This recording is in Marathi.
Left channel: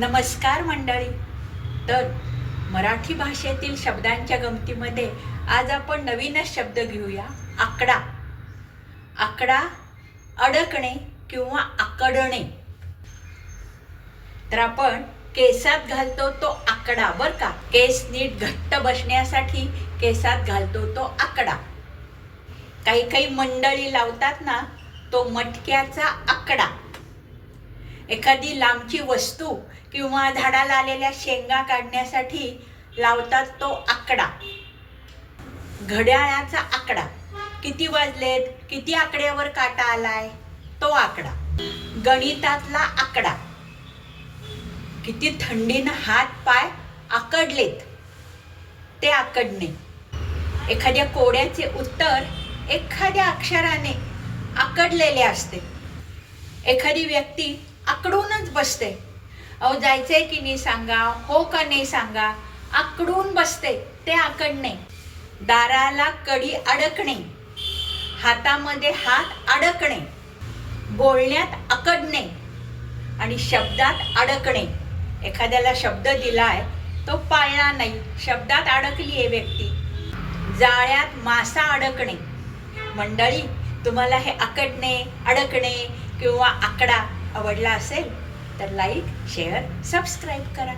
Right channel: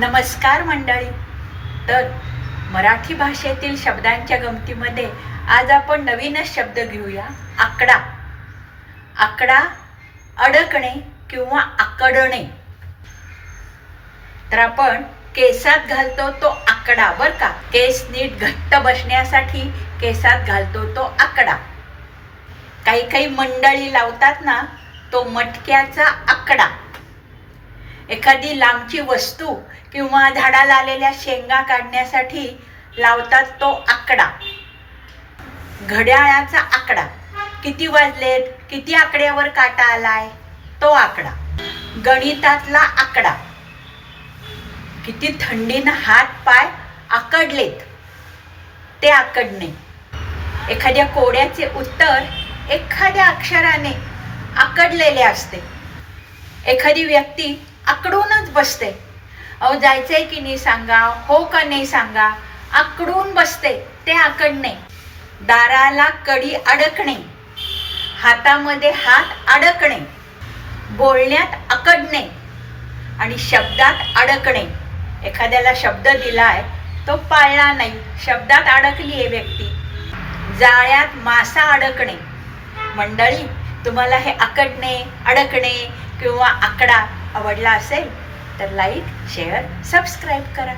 नमस्कार मंडळी. तर मराठी भाषेतील शब्दांच्या गमतीमध्ये आज आपण नवीनच शब्द घेऊया आकडा. आकडा अडकणे किंवा आकडणे. तर आपण केसात घालतो तो आकडा बर का? केस नीट घट्ट बसण्यासाठी केसात घालतो तो आकडा. काही काही मंडळी लावतात ना तो मटक्याचा आकडा. एखादी लांबची वस्तू किंवा झाडाला आलेल्या शेंगा काढण्यासाठी लावतात तो आकडा. घड्याळाचा आकडा. किती वाजलेत? किती आकड्यावर काटा आलाय? तो आकडा. गणितातला आकडा. किती थंडीनं हात पाय आकडलेत? ते आकडणे. एखाद्या कोड्याचे उत्तर एखाद्या अक्षराने आकडलेले असते. एखादी व्यक्ती आकडूनच बसते. अहो जायचंय की नाही सांगा हो का नाही सांगा आकडून बसते ते आकडणे. दाराला कडी अडकणे. हातामध्ये हात अडकणे. बोलण्यात अकडणे आणि शब्दात अडकणे. एखाद्याला शब्द दिलाय तो पाळला नाही. शब्दात अडकली आहे व्यक्ती. जाळ्यात मासा अडकणे. मंडळी तुम्हाला हे अकडणे अडकणे किंवा आकडा आवडला असेल तर लाईक शेअर सबस्क्राईब करा.